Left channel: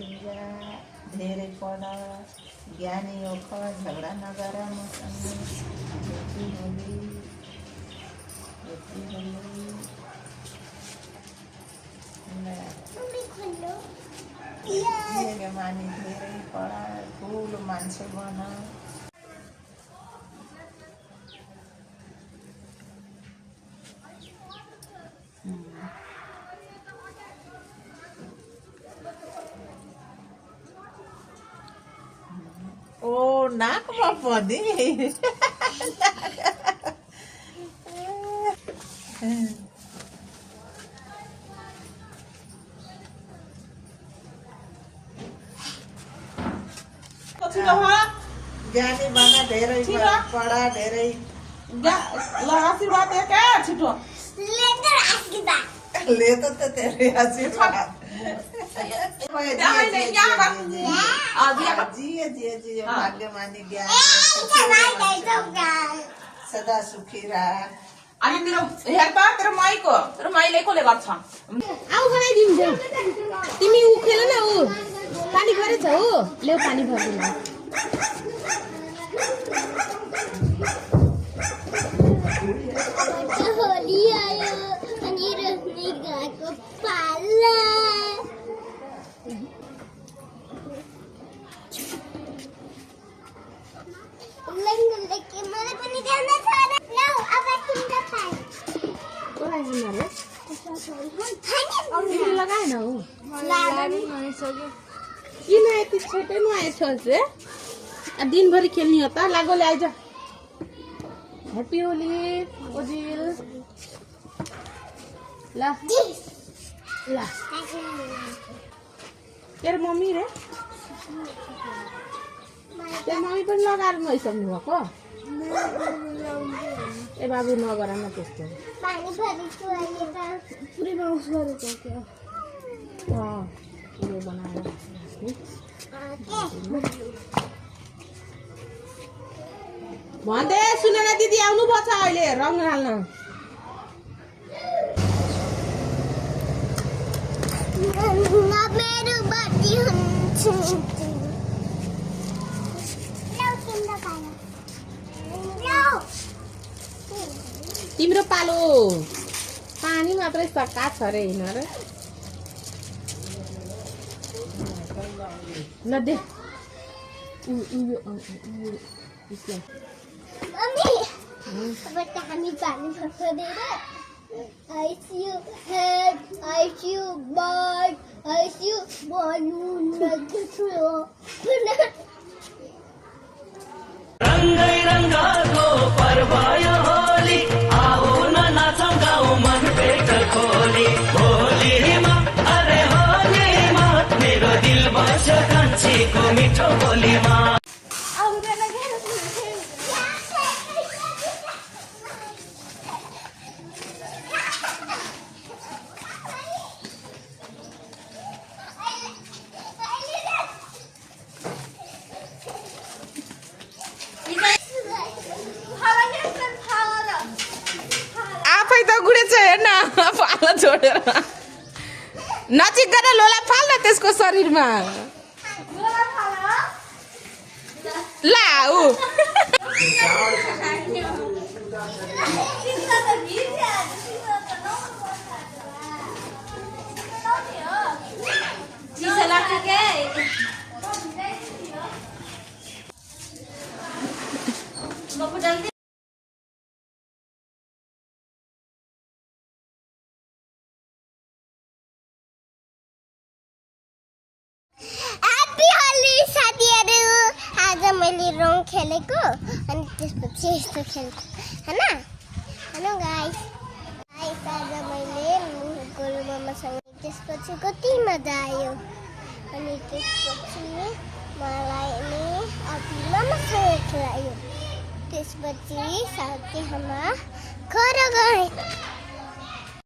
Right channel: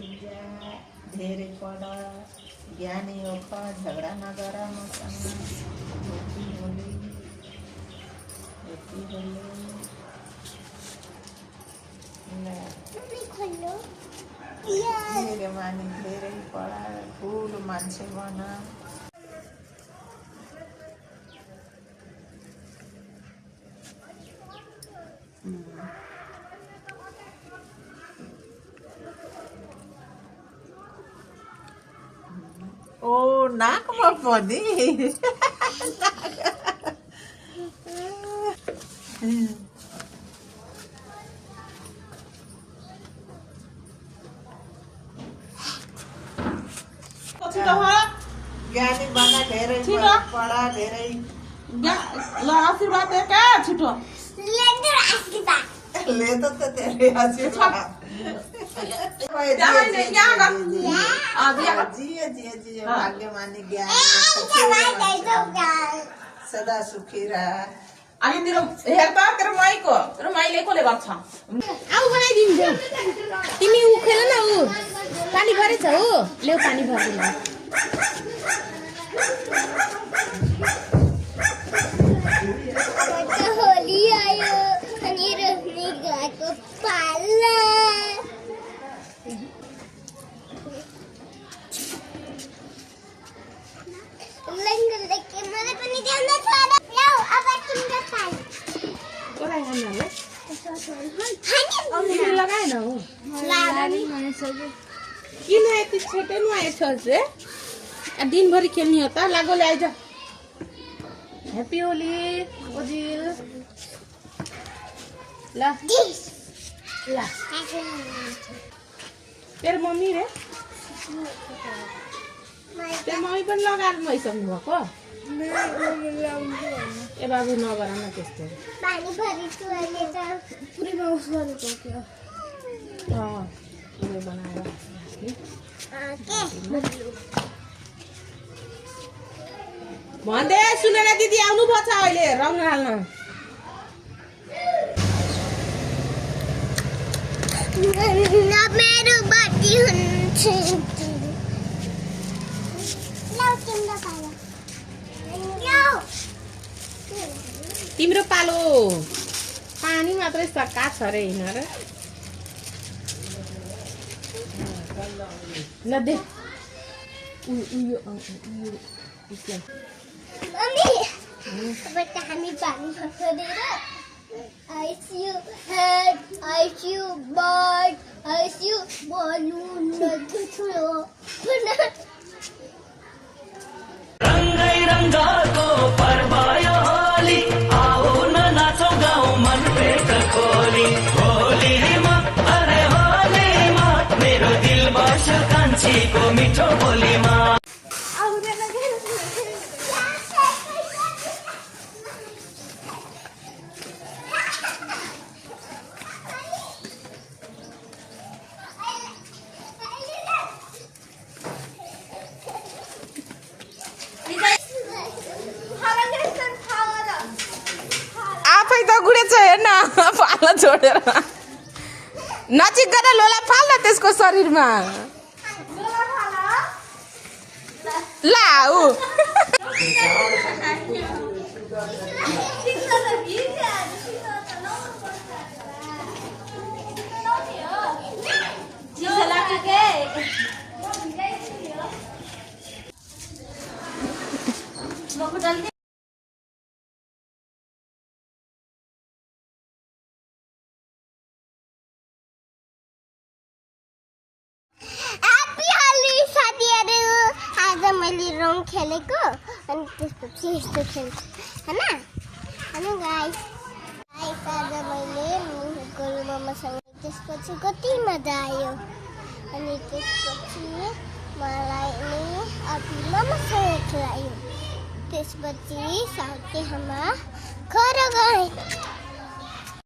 जा धेरै पढ ज्ञानी होख झगडा नगर मसँग बेटी होली मानी धेरै पढ ठुलो मान्छे बन ओ नाकमा पनि ज्ञानी बना धेरै पढा धेरै ल आशीर्वाद दे क्या छिटो ले त तेरे आशीर्वाद भाग्यमानी ज्ञानी सदा सुखी रह अनि तेरो हेर त तेरो माइले कोले गर्छ आउ बनाइदिन्छ तिमी उखेल न उ पानी भरेछ हो ल्याउ पानी भर्दिन होली आयो अनि रोशनी गएको पाल्ला लंगल लेके मलाई पनि ल्याउन छ ल्याउ अब तिम्रो पाल कोलाई गर्नले तिमीले लगाएन हो किन यति छोटो नुहाएछ चाहिँ दिनभरि खेल्ने हो त लागो ल्याइज ह्याप्पी होली ओजिल ल ल तेरो मम्मी रे तेरो मम्मी पनि लगाएर नुहाइसक्नु भएको ए बाबु नगर न त्यस्तो पानी भरेको अहिले त पुरै नउस गरेको क्या पुरै बनाएर भन्दै सुनेर दिदी आउनु पर्छ अहिले रङ हाल्न मेरो बत्ती हुन्छ तिम्रो पालो पानी मात्रै सक्का छ अरे हिँडेर ल दे अब त हामी पानी फर्काएर ICU head ICU bird ICU balloon छु रंगै रंगाको पर्व यो होली आऊ न नाचौं गाउँ मन भेट खोली होलीमा अरे होलीमा मेरो दिल बस्छ कान्छीको मिठो बोलीमा आफै त गुडेछ हेर्न पालो छोडेर नजिक गरेर लोला फाल्न त्यसको शरीरमा ला ऊ मैले रङ खेलेको अनि त्यसपछि यस्तो खेलेको हैन हेलो गाइस आज मैले गोलु मामासँग त्यसपछि कति मजा आयो अनि त्यसपछि मलाई अघि मामासँग खेलायो त्यसपछि साथै हामी घर गए